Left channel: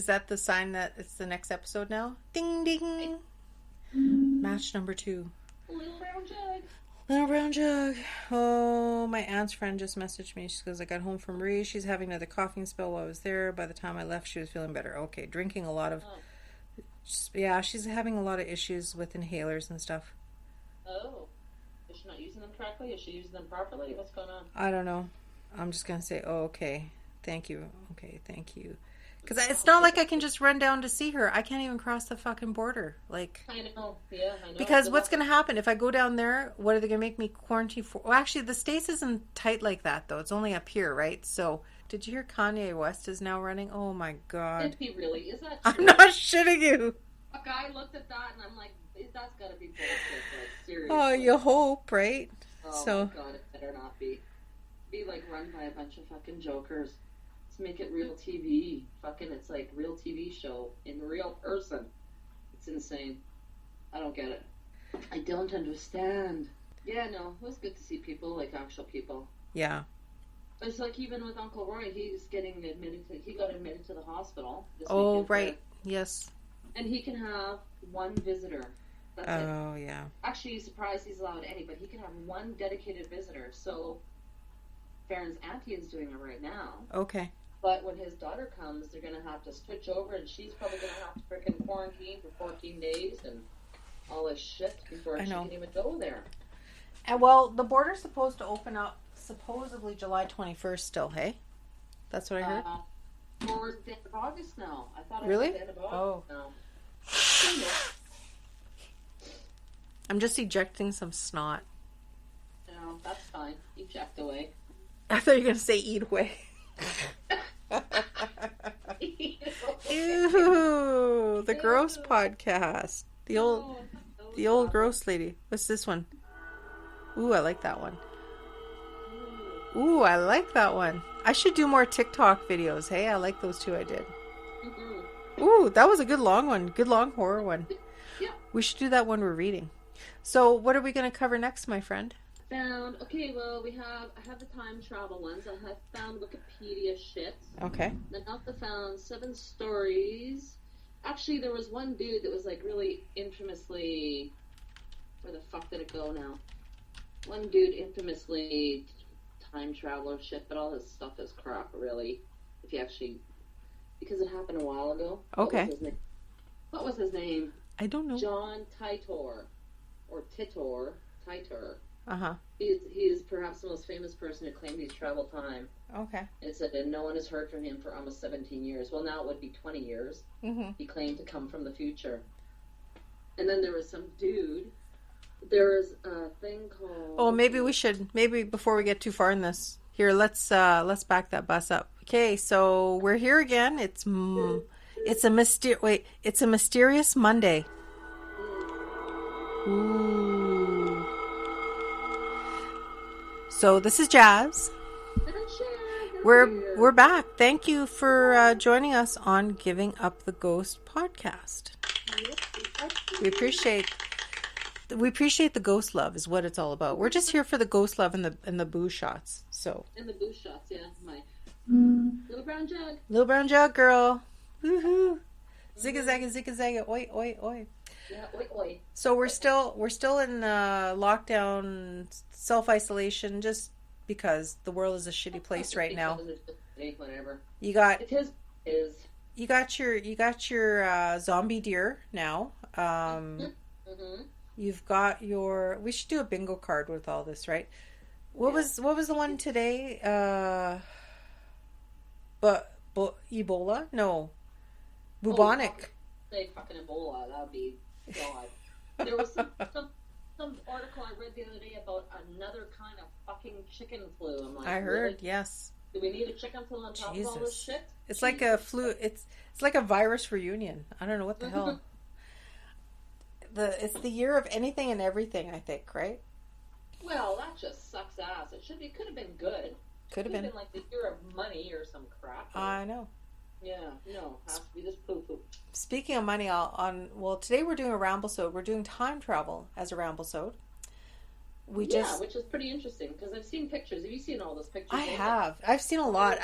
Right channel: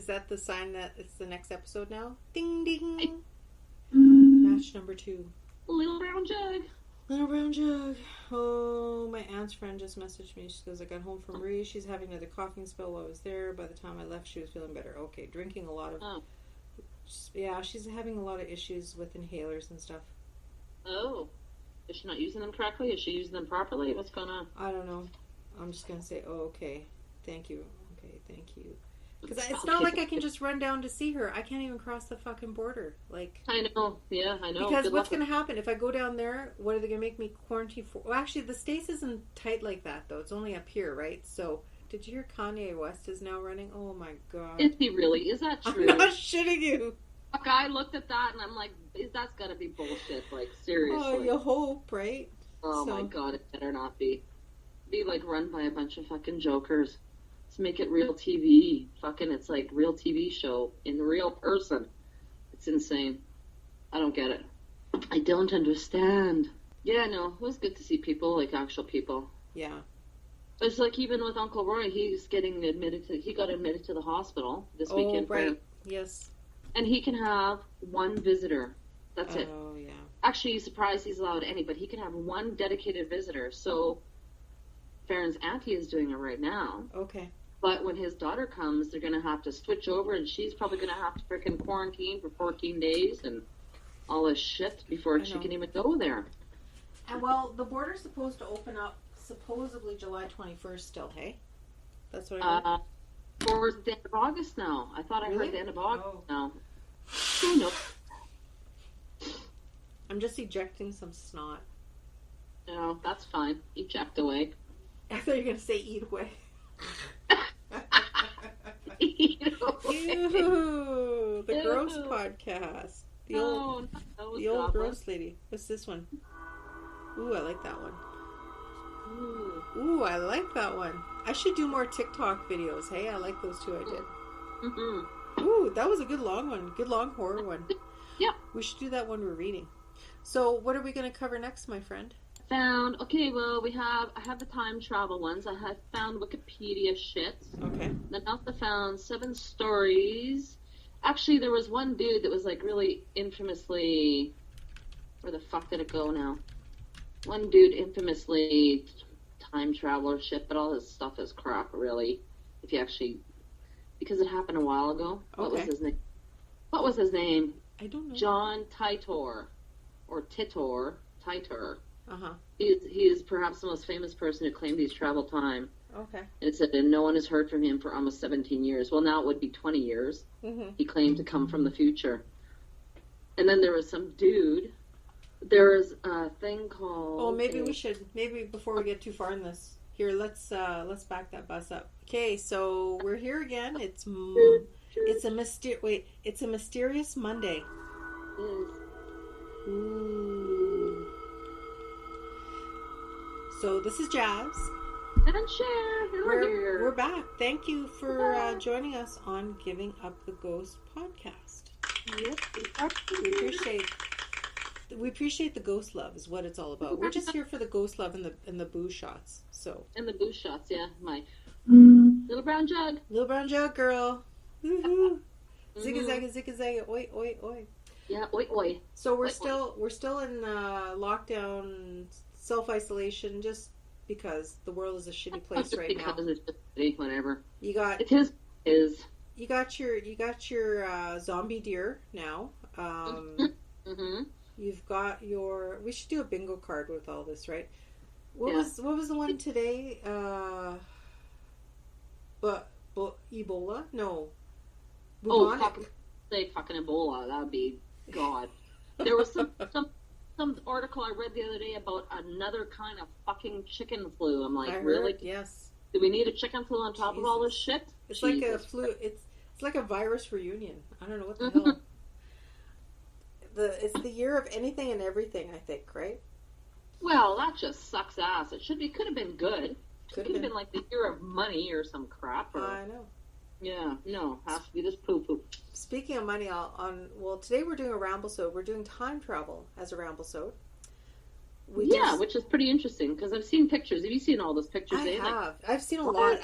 Is that the sign that it's the next episode now? Ding ding. Match number 2. Little brown jug. Little brown jug. Oh, my aunt's friend just messaged me. She goes, I got home from Marie. She's having another coughing spell while I was there. By the time I left, she was feeling better. Okay, drinking a lot of... Oh. Yeah, she's having a lot of issues with inhalers and stuff. Oh. Is she not using them correctly? Is she using them properly? What's going on? I don't know. I'm just going to say, oh, okay. Thank you. Okay, thank you. Because it's not like I can just run down to see her. I can't even cross the fucking border. Like, I know. Yeah, I know. because what's going to happen if I go down there? What are they going to make me quarantine for? Well, actually, the States isn't tight like that, though. It's only up here, right? So, did you hear Kanye West is now running? Oh, my God. Is he really? Is that true? I'm not shitting you. Fuck, I looked at that and I'm like, that's got to be bullshit. Like, seriously. Oh, you hope, right? Oh, my God. It better not be. Be, like, run by a bunch of fucking jokers. Make it real TV. Fucking, it's like real TV show in real person. It's insane. I don't get it. I don't understand. Yeah, no, it was good to see people, like actual people. Yeah. It's like even with Uncle Roy, he got admitted to the hospital this Oh, weekend. right. Yes. And he can have one visitor. That's it. Oh, yeah. Actually, he's surprised he's allowed any, but he can have one dedicated visitor. So, Farron's auntie is doing it right now. Okay. But when his daughter comes, they're going to have to switch over, and she's probably going to have to freaking quarantine for 14 days and all this shit before she can even go there. And well, the border's supposed to open up supposedly July 21st still, hey? That's what I heard? Towards the end of August now. I thought I heard the end of August now. I'm just ejecting some snot. No, that's fine. Eject away. I thought you were going to say eat away. Ew, the gross podcast. The old gross lady. What's this one? Ooh, I like that one. Ooh, I like that one. I should do more TikTok videos. Hey, I like those 2 I did. Mm-hmm. Ooh, that was a good long one. Good long horror one. Yep. We should do that when we're reading. So, what are we going to cover next, my friend? Okay, well, I have the time travel ones. I have found Wikipedia shit. Okay. Then I also found 7 stories. Actually, there was one dude that was like really infamously, where the fuck did it go now? One dude infamously time traveler shit, but all this stuff is crap, really. If you actually, because it happened a while ago. Okay. What was his name? I don't know. John Titor, or Titor. Uh-huh. He is perhaps the most famous person who claimed he's traveled time. Okay. And it said, and no one has heard from him for almost 17 years. Well, now it would be 20 years. Mm-hmm. He claimed to come from the future. And then there was some dude. There is a thing called... Oh, maybe before we get too far in this, here, let's back that bus up. Okay, so we're here again. It's a mysterious Monday. Ooh. So this is Jas. And Sher. We're back. Thank you for joining us on Giving Up the Ghost podcast. We appreciate the ghost love is what it's all about. We're just here for the ghost love and the boo shots. So. And the boo shots, yeah. My little brown jug. Little brown jug girl. Woohoo. Zigga zagga zigga zagga oi oi oi. Yeah, oi oi. So we're still in lockdown, self-isolation, just because the world is a shitty place right now. Whatever. You got it is. You got your zombie deer now. Mm-hmm. You've got your. We should do a bingo card with all this, right? What was the one today? But Ebola? No. Bubonic. Say fucking Ebola. That would be God. There was some article I read the other day about another kind of fucking chicken flu. I'm like, I really? heard, yes. Do we need a chicken flu on top of all this shit? It's like a flu. It's like a virus reunion. I don't know what the hell. It's the year of anything and everything, I think, right? Well, that just sucks ass. Could have been good. Could have been like the year of money or some crap. I know. Yeah, no, has to be this poo-poo. Speaking of money, today we're doing a Ramblesode. We're doing time travel as a Ramblesode. Which is pretty interesting because I've seen pictures. Have you seen all those pictures? I have. I've seen a lot.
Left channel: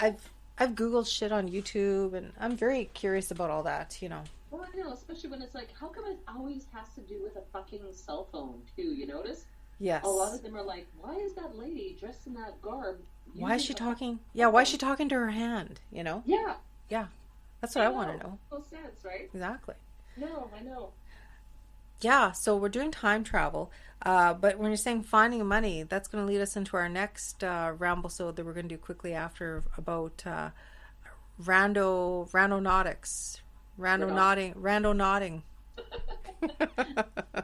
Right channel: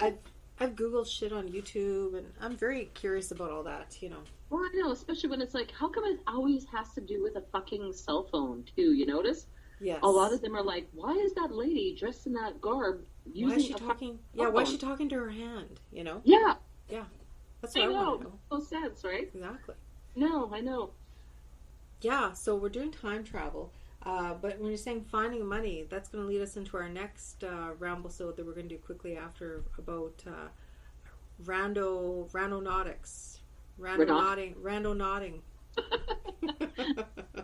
I've Googled shit on YouTube, and I'm very curious about all that, you know. Well, I know, especially when it's like, how come it always has to do with a fucking cell phone, too? You notice? Yes. A lot of them are like, why is that lady dressed in that garb? Why is she talking? Yeah, why is she talking to her hand, you know? Yeah. Yeah. That's what I want to know. No sense, right? Exactly. No, I know. Yeah, so we're doing time travel. But when you're saying finding money, that's going to lead us into our next Ramblesode that we're going to do quickly after about randonautics. Randonauting.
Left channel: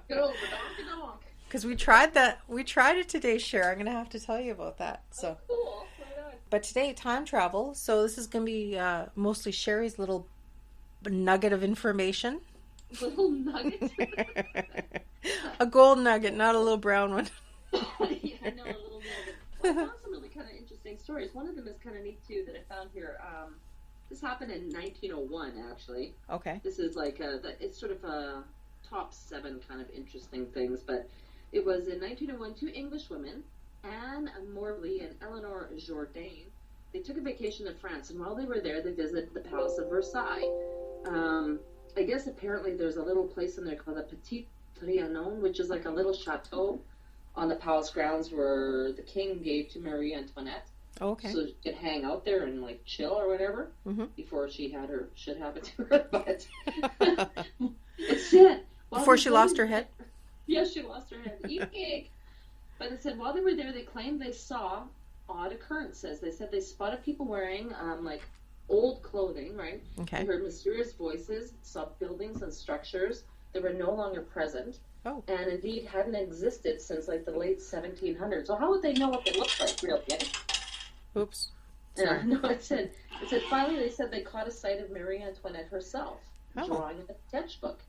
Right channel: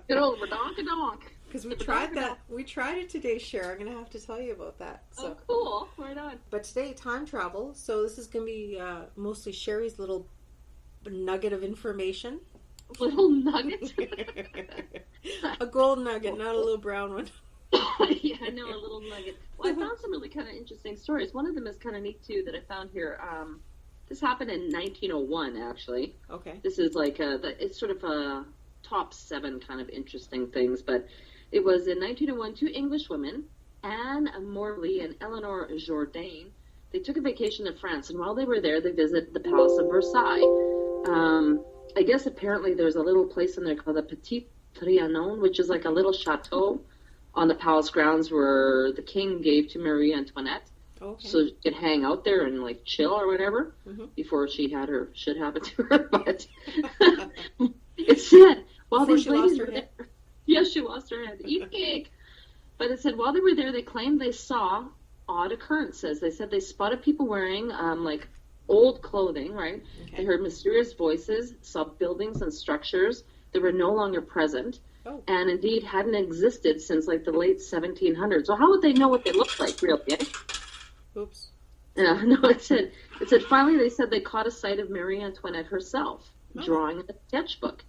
Good old redonk-a-donk. Because we tried that. We tried it today, Cher. I'm going to have to tell you about that. So. Oh, cool. Right on. But today, time travel. So this is going to be mostly Sherry's little nugget of information. Little nugget? A gold nugget, not a little brown one. Yeah, I know, a little nugget. Well, I found some really kind of interesting stories. One of them is kind of neat, too, that I found here. This happened in 1901, actually. Okay. This is like, it's sort of a top 7 kind of interesting things, but it was in 1901, 2 English women, Anne Morley and Eleanor Jourdain. They took a vacation to France, and while they were there, they visited the Palace of Versailles. I guess apparently there's a little place in there called the Petit Trianon, which is like a little chateau on the palace grounds where the king gave to Marie Antoinette. Okay. So she could hang out there and like chill or whatever before she had her shit happen to her. But it said before she lost her head. Yes, she lost her head. Eat cake. But it said while they were there, they claimed they saw odd occurrences. They said they spotted people wearing like old clothing, right? Okay. They heard mysterious voices, saw buildings and structures that were no longer present, and indeed hadn't existed since like the late 1700s. So how would they know what they looked like, really? Oops. Yeah, no, it said finally they said they caught a sight of Marie Antoinette herself drawing in a sketchbook.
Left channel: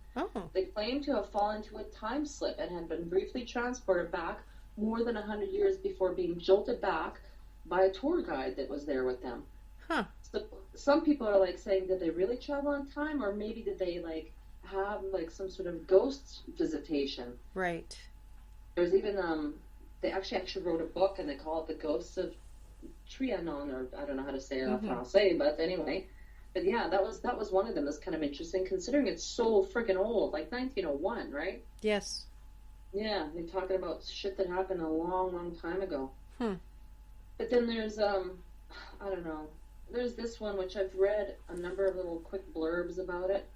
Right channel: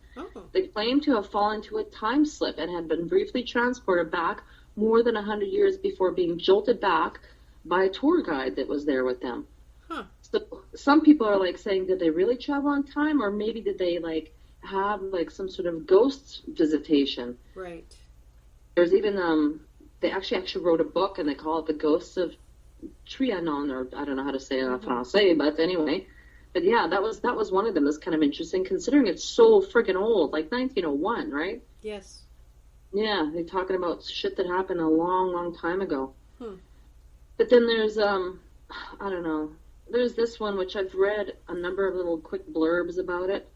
They claimed to have fallen into a time slip and had been briefly transported back more than 100 years before being jolted back by a tour guide that was there with them. So some people are like saying, did they really travel on time, or maybe did they like have like some sort of ghost visitation? Right. There's even they actually wrote a book and they call it The Ghosts of Trianon, or I don't know how to say it in Francais, but anyway. But yeah, that was one of them. That's kind of interesting considering it's so friggin' old, like 1901, right? Yes. Yeah, they're talking about shit that happened a long, long time ago. But then there's I don't know. There's this one, which I've read a number of little quick blurbs about it.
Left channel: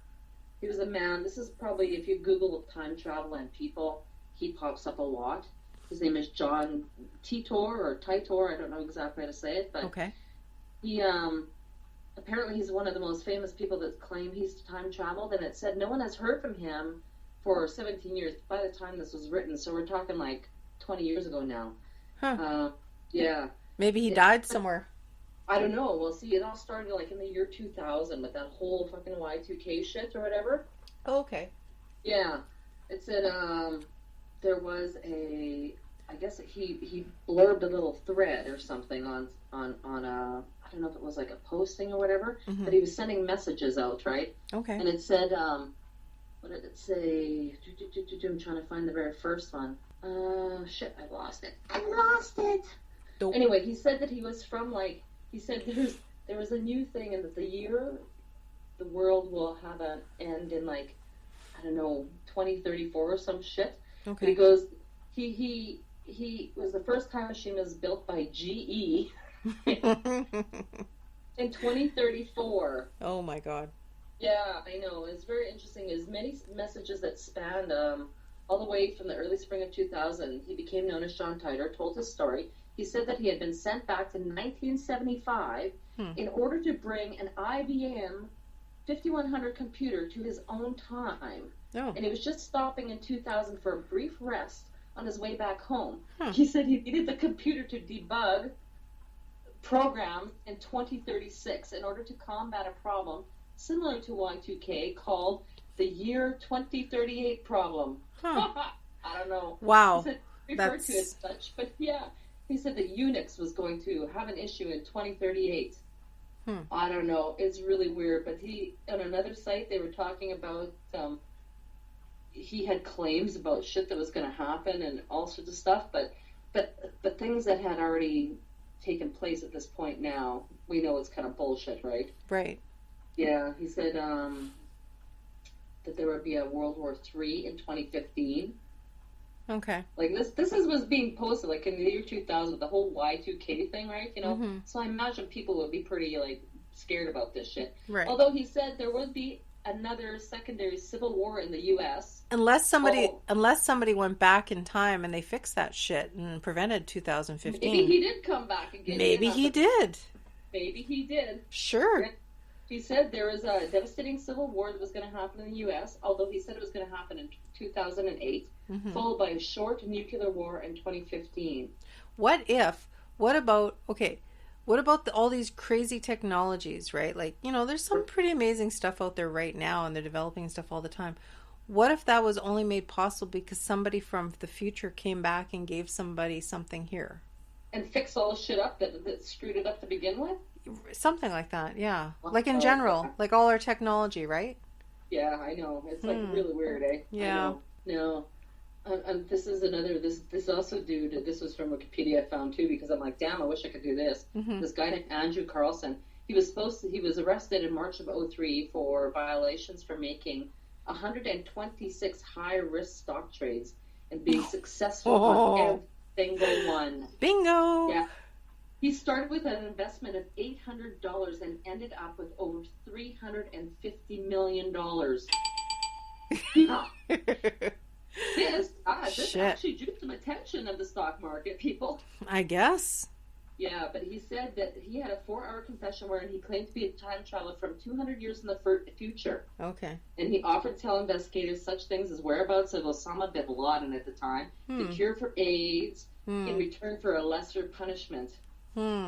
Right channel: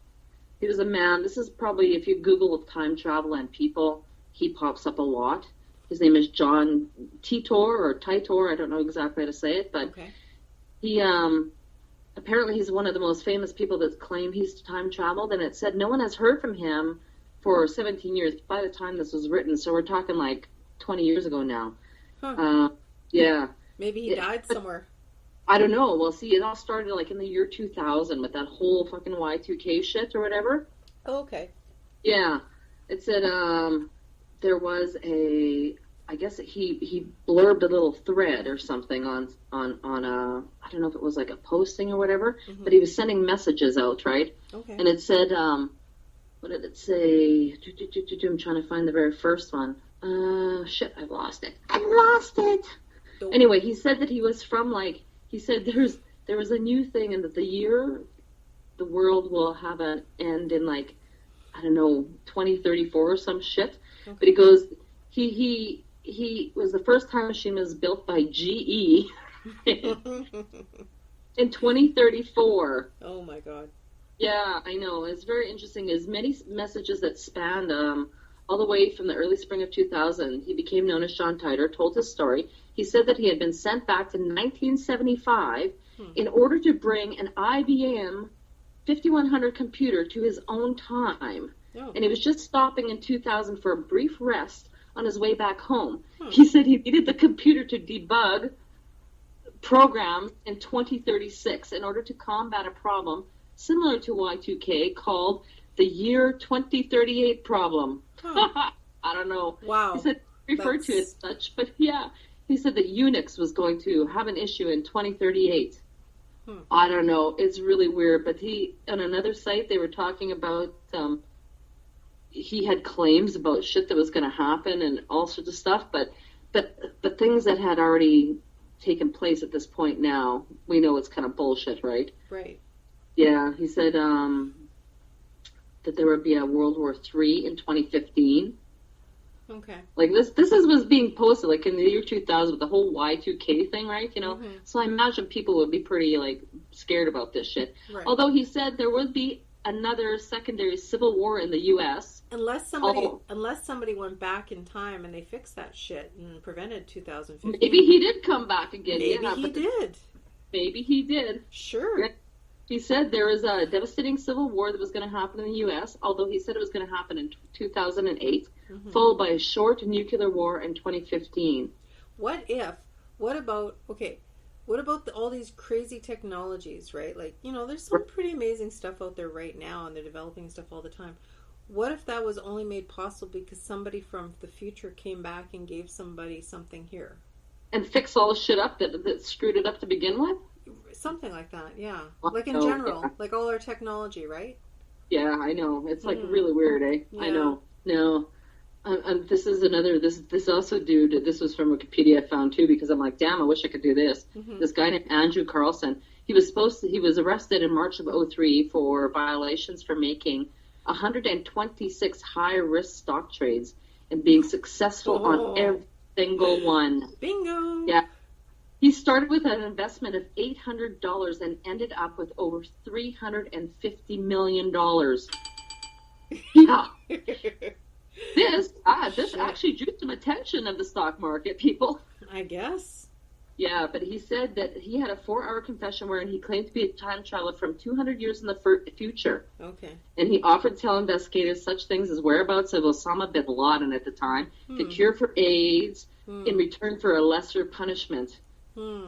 He was a man. This is probably, if you Google time travel and people, he pops up a lot. His name is John Titor, or Titor. I don't know exactly how to say it, but he, apparently he's one of the most famous people that claim he's time traveled, and it said no one has heard from him for 17 years by the time this was written, so we're talking like 20 years ago now. Yeah. Maybe he died somewhere. I don't know. Well, see, it all started like in the year 2000 with that whole fucking Y2K shit or whatever. Oh, okay. Yeah. It said there was I guess he blurbed a little thread or something on a, I don't know if it was like a posting or whatever, but he was sending messages out, right? Okay. And it said, what did it say? I'm trying to find the very first one. Shit, I've lost it. Don't. Anyway, he said that he was from like, he said there was a new thing, and that the year the world will have an end in like, I don't know, 2034 or some shit. Okay. But he goes, he was the first time machine was built by GE in 2034. Oh my God. Yeah, I know. It's very interesting. There's many messages that spanned all the way from the early spring of 2000. He became known as John Titor, told his story. He said that he had been sent back to 1975 in order to bring an IBM 5100 computer to his own time. Oh. And he was just stopping in 2000 for a brief rest on his way back home. He said he needed the computer to debug programs in 2036 in order to combat a problem similar to Y2K called the year 2038 problem. I don't know. Wow. He said referred to as such, but yeah. He said that Unix was going to have an issue in 2038. I don't know. It's really weird. But on another site, they were talking about he had claims about shit that was going to happen and all sorts of stuff. But things that had already taken place at this point now. We know it's kind of bullshit, right? Right. Yeah, he said that there would be a World War III in 2015. Okay. Like this was being posted like in the year 2000 with the whole Y2K thing, right? You know, so I imagine people would be pretty like scared about this shit. Right. Although he said there would be another secondary civil war in the U.S. Unless somebody went back in time and they fixed that shit and prevented 2015. Maybe he did come back again. Maybe he did. Maybe he did. Sure. He said there was a devastating civil war that was going to happen in the U.S., although he said it was going to happen in 2008, followed by a short nuclear war in 2015. What about all these crazy technologies, right? Like, you know, there's some pretty amazing stuff out there right now, and they're developing stuff all the time. What if that was only made possible because somebody from the future came back and gave somebody something here? And fix all the shit up that screwed it up to begin with? Something like that, yeah. Like in general, like all our technology, right? Yeah, I know. It's like really weird, eh? Yeah. I know. No. This is another, this also dude, this was from Wikipedia I found too, because I'm like, damn, I wish I could do this. This guy named Andrew Carlson, he was arrested in March of 2003 for violations for making 126 high-risk stock trades and being successful on every single one. Bingo! Yeah. He started with an investment of $800 and ended up with over $350 million. Yeah. This actually drew some attention of the stock market, people. I guess. Yeah, but he said that he had a 4-hour confession wherein he claimed to be a time traveler from 200 years in the future. Okay. And he offered to tell investigators such things as whereabouts of Osama bin Laden at the time, the cure for AIDS, in return for a lesser punishment.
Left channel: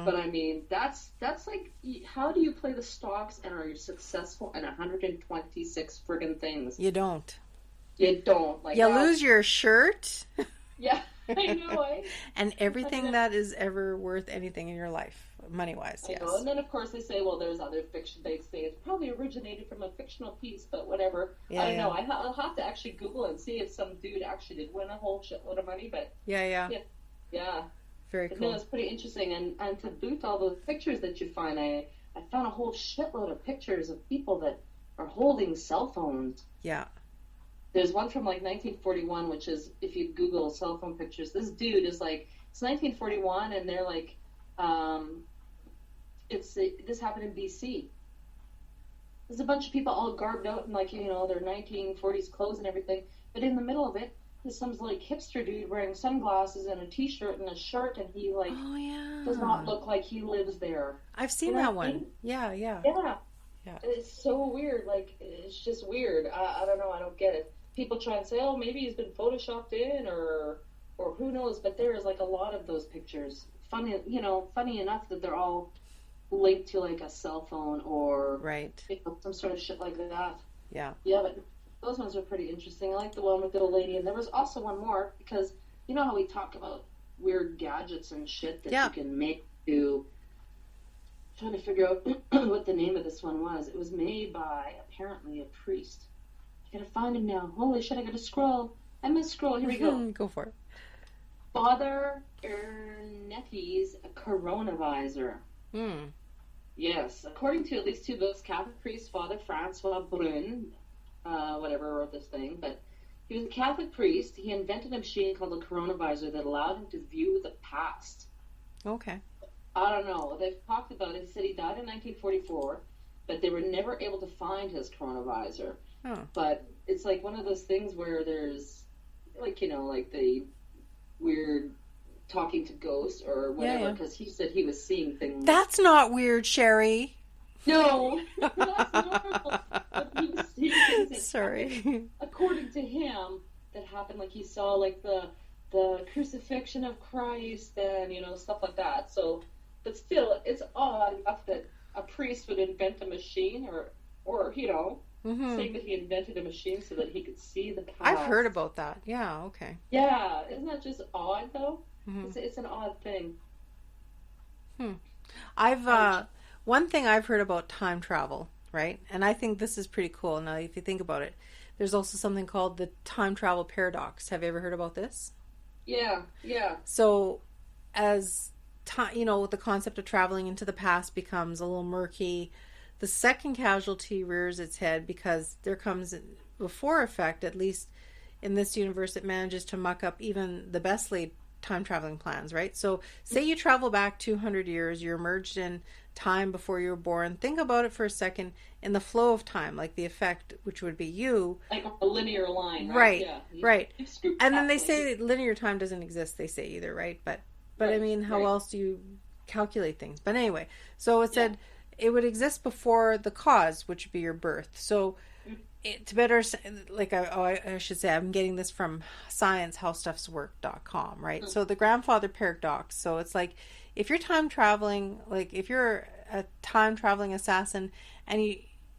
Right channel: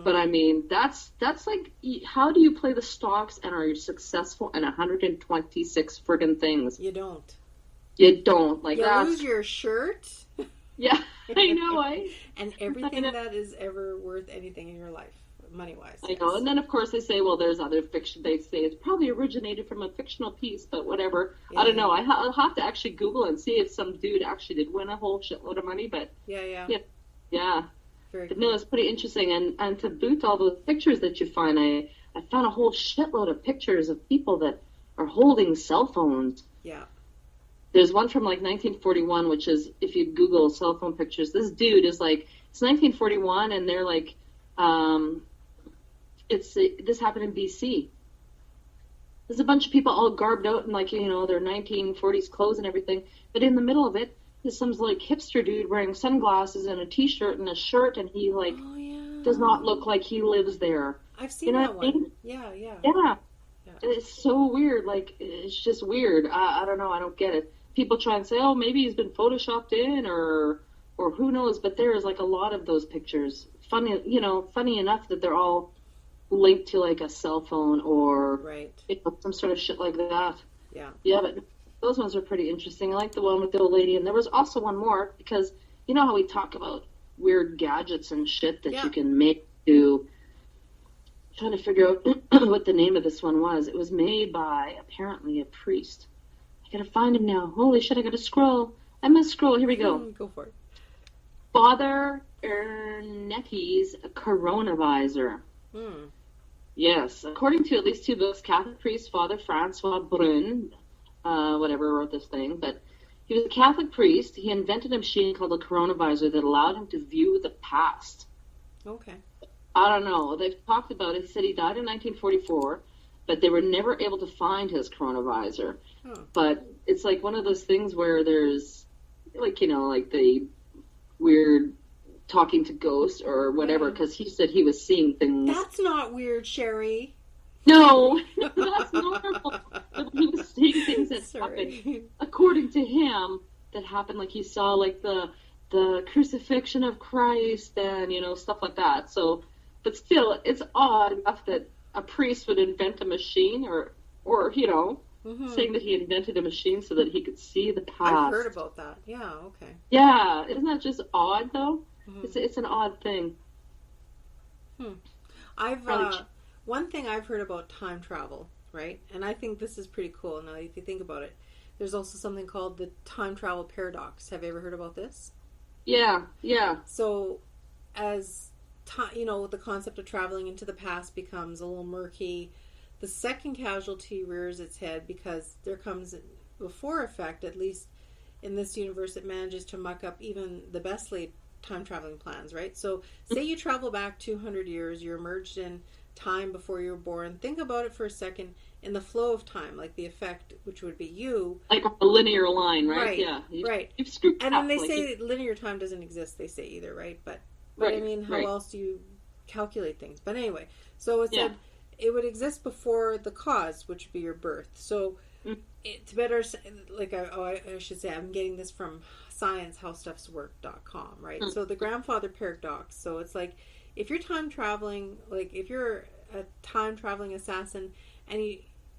But I mean, that's like, how do you play the stocks and are you successful in 126 friggin' things? You don't. You don't. Like, you lose your shirt. Yeah, I know. And everything that is ever worth anything in your life, money-wise. I know. And then, of course, they say, well, there's other fiction. They say it's probably originated from a fictional piece, but whatever. Yeah, I don't know. I'll have to actually Google and see if some dude actually did win a whole shitload of money. But yeah. Very cool. No, it's pretty interesting. And to boot all those pictures that you find, I found a whole shitload of pictures of people that are holding cell phones. Yeah. There's one from like 1941, which is, if you Google cell phone pictures, this dude is like, it's 1941, and they're like, this happened in BC. There's a bunch of people all garbed out in like, you know, their 1940s clothes and everything, but in the middle of it, there's some like hipster dude wearing sunglasses and a t-shirt and a shirt, and he like does not look like he lives there. I've seen that one. Yeah. It's so weird. Like, it's just weird. I don't know. I don't get it. People try and say, oh, maybe he's been photoshopped in, or who knows. But there is like a lot of those pictures. Funny enough that they're all linked to like a cell phone or some sort of shit like that. Yeah. Yeah, but those ones are pretty interesting. I like the one with the old lady, and there was also one more, because you know how we talk about weird gadgets and shit that you can make to. Trying to figure out what the name of this one was. It was made by apparently a priest. I gotta find him now. Holy shit! I gotta scroll. I must scroll. Here we go. Go for it. Father Ernetti's coronavisor. Yes, according to at least 2 books, Catholic priest Father Francois Brun, whatever, wrote this thing, but he was a Catholic priest. He invented a machine called a coronavisor that allowed him to view the past. Okay. I don't know. They've talked about it. He said he died in 1944, but they were never able to find his coronavisor. Oh. But it's like one of those things where there's, like, you know, like the weird talking to ghosts or whatever, because he said he was seeing things. That's not weird, Sherry. No, that's normal. But he was seeing things that happened, according to him, that happened. Like he saw, like, the crucifixion of Christ and, you know, stuff like that. So, but still, it's odd enough that a priest would invent a machine or you know, saying that he invented a machine so that he could see the past. I've heard about that. Yeah, okay. Yeah, isn't that just odd, though? It's an odd thing. One thing I've heard about time travel, right? And I think this is pretty cool. Now, if you think about it, there's also something called the time travel paradox. Have you ever heard about this? Yeah. So, as the concept of traveling into the past becomes a little murky. The second casualty rears its head because there comes before effect, at least in this universe, it manages to muck up even the best laid time traveling plans, right? So say you travel back 200 years, you're emerged in time before you were born. Think about it for a second in the flow of time, like the effect, which would be you. Like a linear line, right? Right, Yeah. Right. You've screwed and then up, they say linear time doesn't exist, they say either, right? But right, I mean, how else do you calculate things? But anyway, so it said it would exist before the cause, which would be your birth. So to better, like I should say, I'm getting this from sciencehowstuffswork.com, right? So the grandfather paradox. So it's like if you're time traveling, like if you're a time traveling assassin and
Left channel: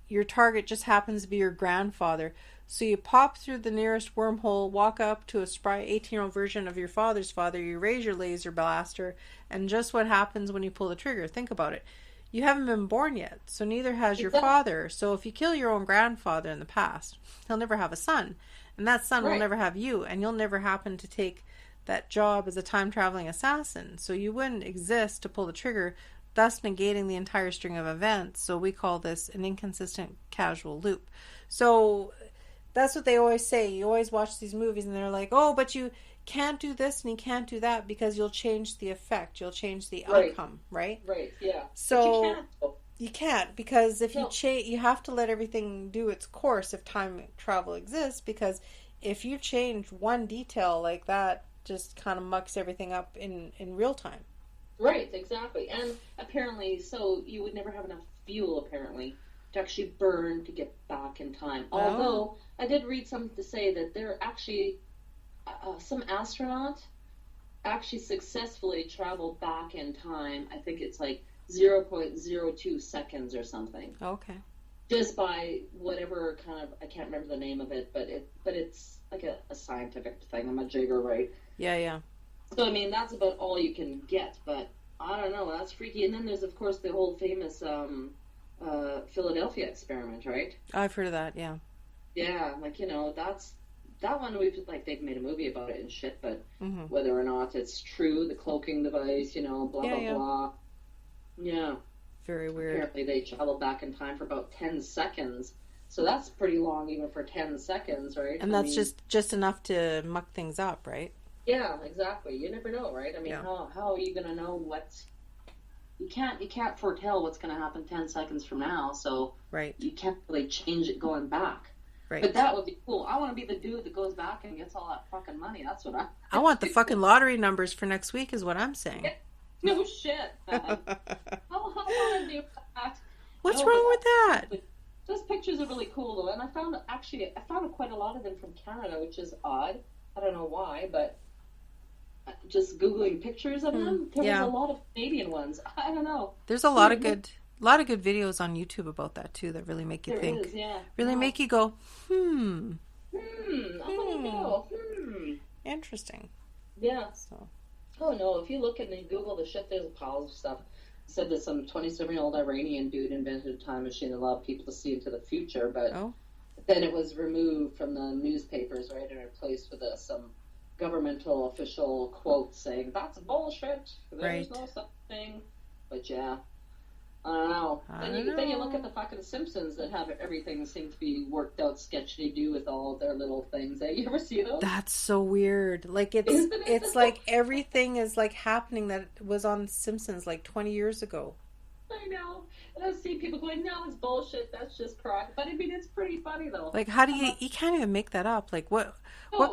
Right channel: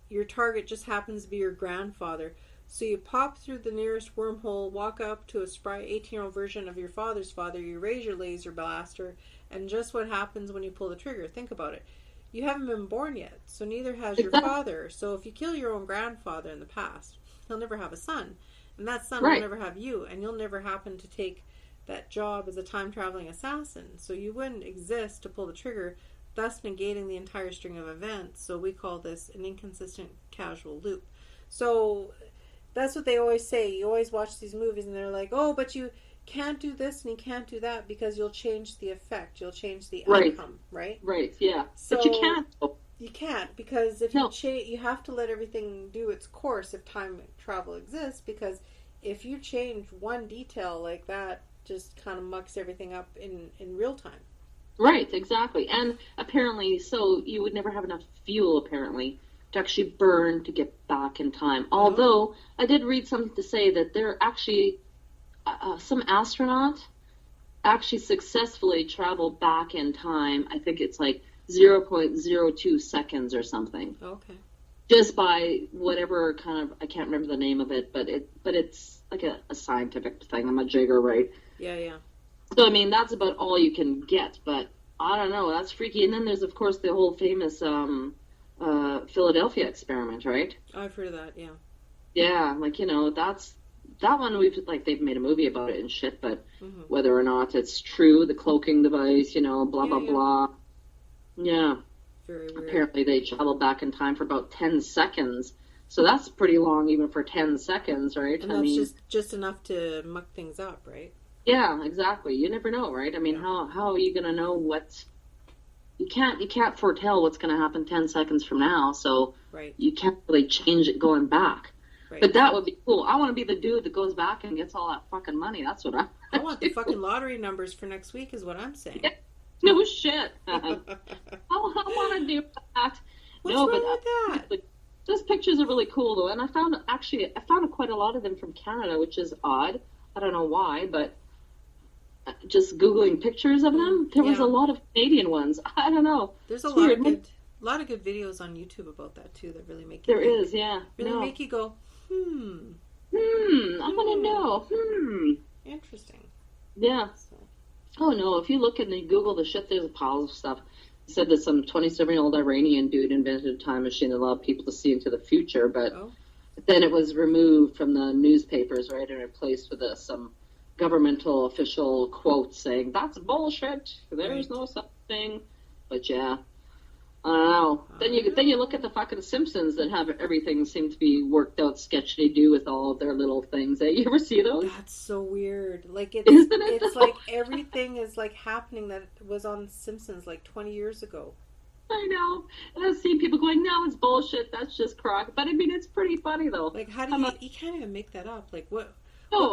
your target just happens to be your grandfather, so you pop through the nearest wormhole, walk up to a spry 18-year-old version of your father's father, you raise your laser blaster, and just what happens when you pull the trigger? Think about it. You haven't been born yet, so neither has your father. So if you kill your own grandfather in the past, he'll never have a son. And that son will never have you, and you'll never happen to take that job as a time-traveling assassin. So you wouldn't exist to pull the trigger, thus negating the entire string of events. So we call this an inconsistent causal loop. So that's what they always say. You always watch these movies, and they're like, oh, but you can't do this and you can't do that because you'll change the effect, you'll change the outcome, right? Right, yeah. So but you can't. You can't, because if you have to let everything do its course if time travel exists, because if you change one detail like that, just kind of mucks everything up in real time. Right, exactly. And apparently, so you would never have enough fuel, apparently, to actually burn to get back in time. Oh. Although, I did read something to say that there actually some astronaut actually successfully traveled back in time. I think it's like 0.02 seconds or something. Okay. Just by whatever kind of, I can't remember the name of it, but it's like a scientific thing. I'm a jigger, right? Yeah. So I mean, that's about all you can get. But I don't know. That's freaky. And then there's of course the whole famous Philadelphia experiment, right? I've heard of that. Yeah. Yeah, like that one they've made a movie about it and shit, but whether or not it's true, the cloaking device, blah, blah. Yeah. Very weird. Apparently they travel back in time for about 10 seconds. So that's pretty long even for 10 seconds, right? And that's just enough to muck things up, right? Yeah, exactly. You never know, right? I mean, how are you going to know what's... You can't foretell what's going to happen 10 seconds from now, so you can't really change it going back. Right. But that would be cool. I want to be the dude that goes back and gets all that fucking money. That's what I want the fucking lottery numbers for next week is what I'm saying. Yeah. No shit. I want to do that. What's wrong with that? Those pictures are really cool, though. And I found quite a lot of them from Canada, which is odd. I don't know why, but just Googling pictures of them, there was a lot of Canadian ones. I don't know. There's a lot of good videos on YouTube about that, too, that really make you think. There is, yeah. Really make you go, I want to know. Interesting. Yeah. So. Oh, no, if you look and you Google the shit, there's a pile of stuff. It said that some 27-year-old Iranian dude invented a time machine that allowed people to see into the future, but then it was removed from the newspapers, right, and replaced with some governmental official quote saying, that's bullshit, there's no such thing. But yeah. I don't know. Then you look at the fucking Simpsons that have everything seem to be worked out sketchy do with all of their little things. You ever see those? That's so weird. Like it's like everything is like happening that was on Simpsons like 20 years ago. I know. And I've seen people going, no, it's bullshit. That's just crock. But I mean, it's pretty funny though. Like how do you can't even make that up. Like what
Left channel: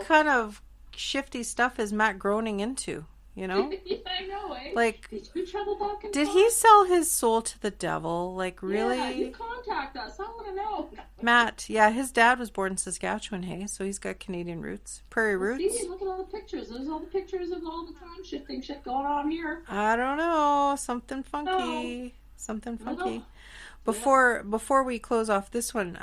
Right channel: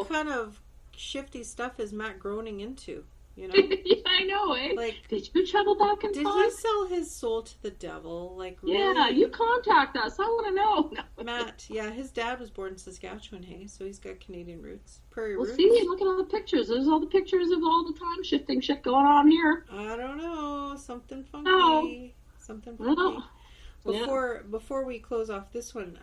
kind of shifty stuff is Matt Groening into? Yeah, I know, eh? Like, did you travel back in time? Did he sell his soul to the devil? Like, really? Yeah, you contact us. I want to know. Matt, his dad was born in Saskatchewan, hey? So he's got Canadian roots. Prairie roots. See, look at all the pictures. There's all the pictures of all the time shifting shit going on here. I don't know. Something funky. Something funky. Before we close off this one,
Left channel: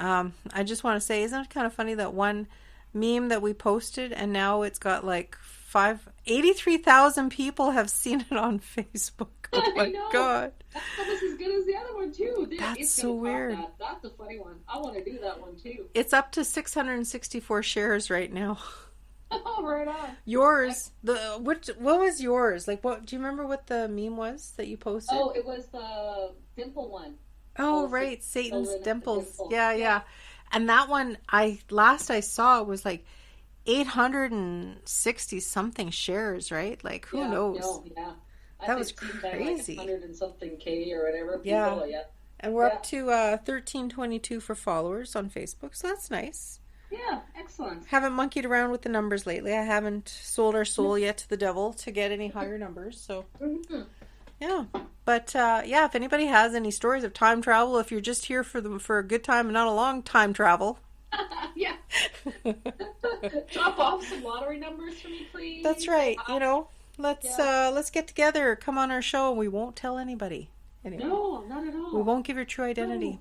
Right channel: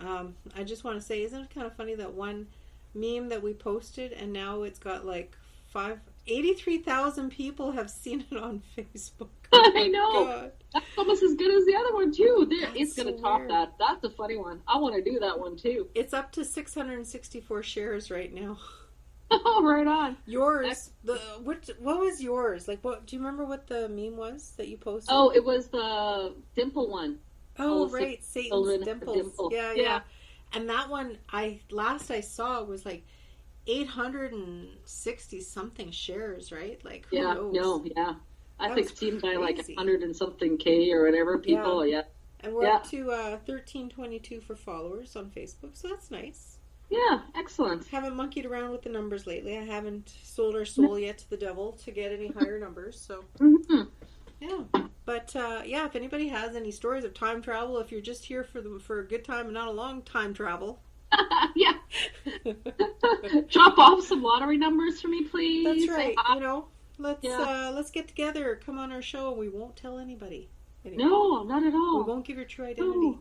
I just want to say, isn't it kind of funny that one meme that we posted and now it's got like 83,000 people have seen it on Facebook. Oh I know. God. That's almost as good as the other one too. It's going to top that. That's a funny one. I want to do that one too. It's up to 664 shares right now. Oh, right on. Yours, what was yours? Like, what do you remember what the meme was that you posted? Oh, it was the dimple one. Oh, All six right, Satan's children have a dimples. dimple. Yeah, Yeah. yeah. And that one, I saw it was like 860 something shares, right? Like, who Yeah. knows? No. Yeah. I That think was it seemed like crazy. 100 and something K or whatever Yeah. people. Yeah. And we're Yeah. up to 1322 for followers on Facebook, so that's nice. Yeah. Excellent. Haven't monkeyed around with the numbers lately. I haven't sold our soul yet to the devil to get any higher numbers, so Mm-hmm. yeah. But yeah, if anybody has any stories of time travel, if you're just here for a good time and not a long time travel, Yeah. Drop off some lottery numbers for me, that's please. right. Yeah. Let's get together. Come on our show, and we won't tell anybody. Anyway, No, not at we all. won't give your true identity. No.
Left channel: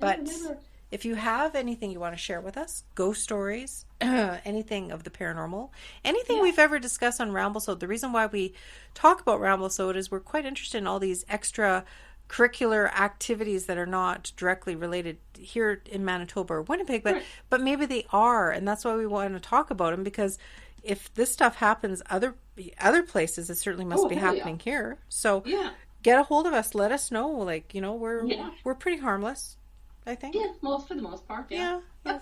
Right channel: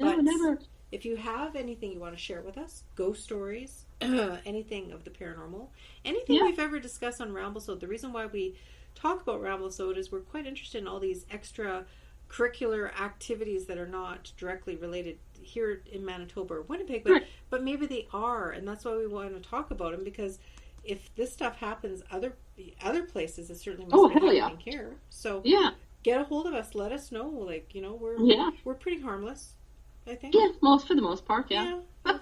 No, But never. if you have anything you want to share with us, ghost stories, anything of the paranormal, anything Yeah. we've ever discussed on Ramblesode, the reason why we talk about Ramblesode is we're quite interested in all these extra curricular activities that are not directly related here in Manitoba or Winnipeg, Right. but maybe they are, and that's why we want to talk about them, because if this stuff happens other places, it certainly must Oh, be hell yeah. happening here. So Yeah. get a hold of us, let us know. Like, Yeah. we're pretty harmless, I think. Yeah. For the most part, yeah. Yeah.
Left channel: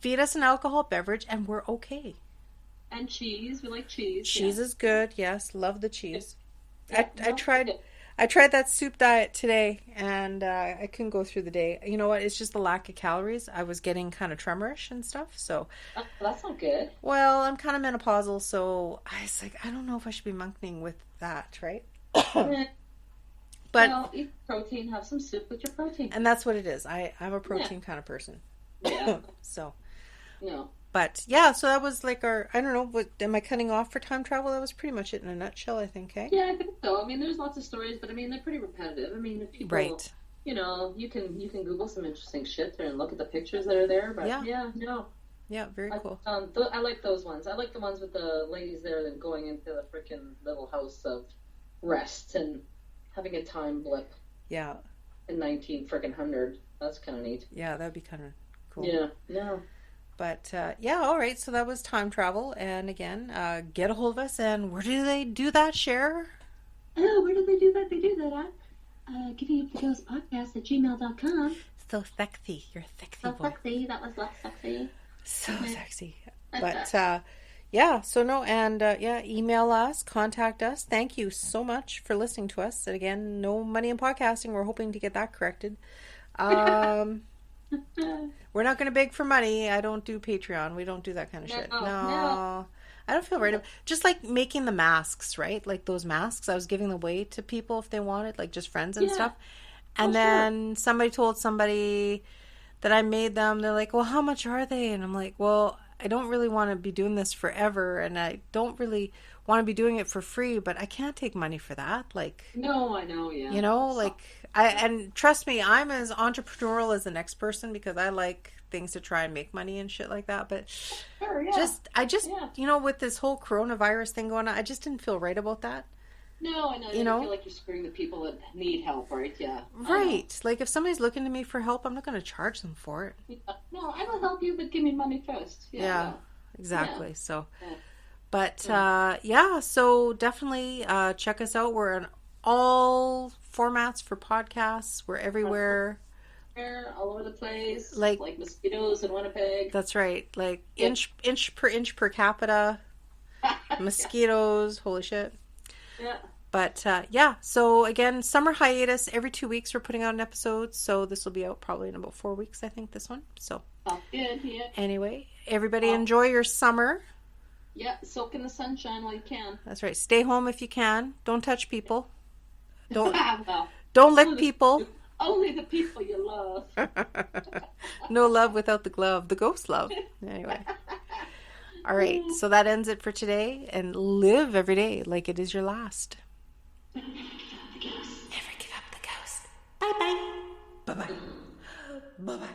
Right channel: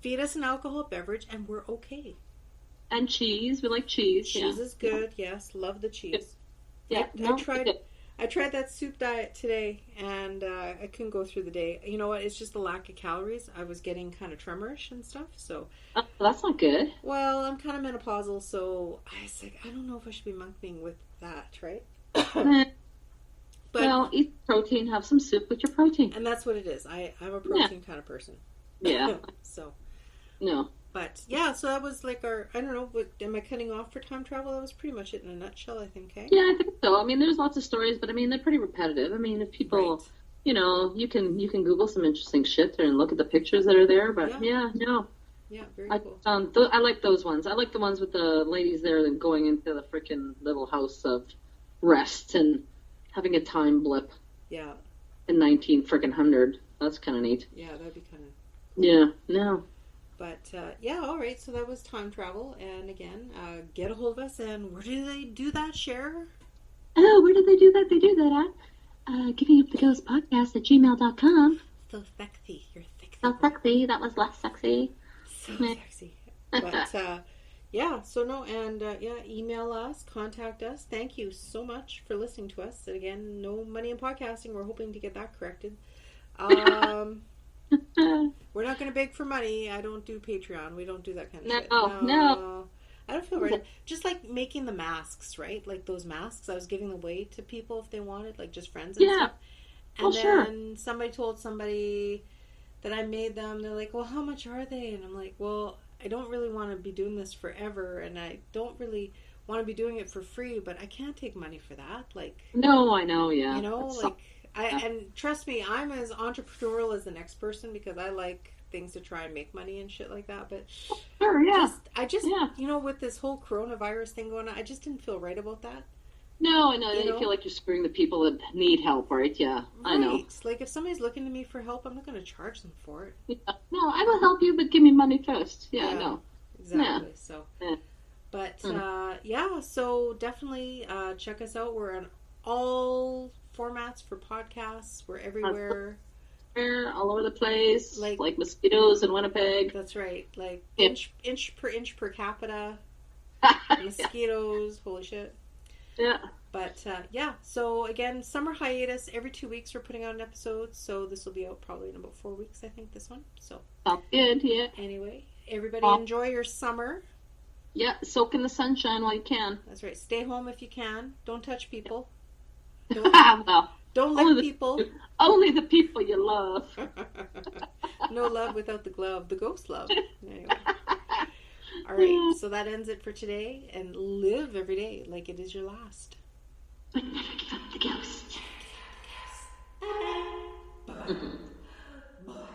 Feed us an alcohol beverage and we're okay. And cheese. We like cheese. Cheese is good. Yes, love the cheese. Yeah. I tried that soup diet today, and I couldn't go through the day. You know what? It's just the lack of calories. I was getting kind of tremorish and stuff. So, Oh, that's not good. well, I'm kind of menopausal, so I was like, I don't know if I should be monkeying with that, right? Eh, But eat protein. Have some soup with your protein. and that's what it is. I'm a protein kind of person. Yeah. So. No. But yeah, so that was like I don't know, am I cutting off for time travel? That was pretty much it in a nutshell, I think, eh? Yeah, I think so. I mean, there's lots of stories, but I mean, they're pretty repetitive. I mean, if people, Right. you can Google some interesting shit there and look at the pictures that are there. But Yeah. no, Yeah, very I cool. I like those ones. I like the ones with the ladies there then going into the freaking little house of rest and having a time blip Yeah. in 19 freaking hundred. That's kind of neat. Yeah, that'd be kind of cool. Yeah. No. But yeah, all right. So that was time travel, and again, get a hold of us. And where do they do that? Share. Oh, where did they do that? They do that at Givinguptheghostpodcast at gmail.com. So sexy. You're a sexy So boy. sexy. That was less sexy. So sexy. But yeah. So no, and yeah, email us, contact us. Thank you so much for listening to us. And again, no money in podcasting. We're hoping to get that corrected. We're not going to beg for money. I don't do Patreon. We don't do that kind of shit. No. I don't feel right. Just like making the masks, right? Like those masks, I was giving away to people if they wanted, like just friends and stuff. And then somebody told somebody that I made them. They're like, well, how much are they? And I'm like, well, I don't really want to be doing this forever. And I don't really want to be doing it for free, but I can't take money for that. Like, No, I know, yeah. and trust me, I'm as entrepreneurial as the next person because I like things to try and make money and shit like that. But Sure, yeah. with this whole coronavirus thing going on, I just didn't feel right about that. No, I know. You feel like you're screwing the people that need help, right? Yeah. I know. Right. Like if somebody's looking to me for help, I'm not going to charge them for it. Yeah. No, I will help you, but give me money first. Yeah, no. Exactly. Yeah. So, Yeah. but so definitely check us out. We're in all formats for podcasts. We're everywhere. All over the place, Like mosquitoes in Winnipeg. That's right. Like inch per capita. Mosquitoes. Holy shit. Yeah. But yeah, so again, summer hiatus. Every 2 weeks we're putting out an episode. So this will be out probably in about 4 weeks, I think, this one. So Good, yeah. Anyway, everybody enjoy your summer. Yeah, soak in the sunshine while you can. That's right. Stay home if you can. Don't touch people. Don't Well, don't lick people. only the people you love. No love without the glove. The ghost love. Anyway. All right. So that ends it for today. And live every day like it is your last. Never give up the ghost. Never give up the ghost. Bye-bye. Bye-bye. Bye-bye.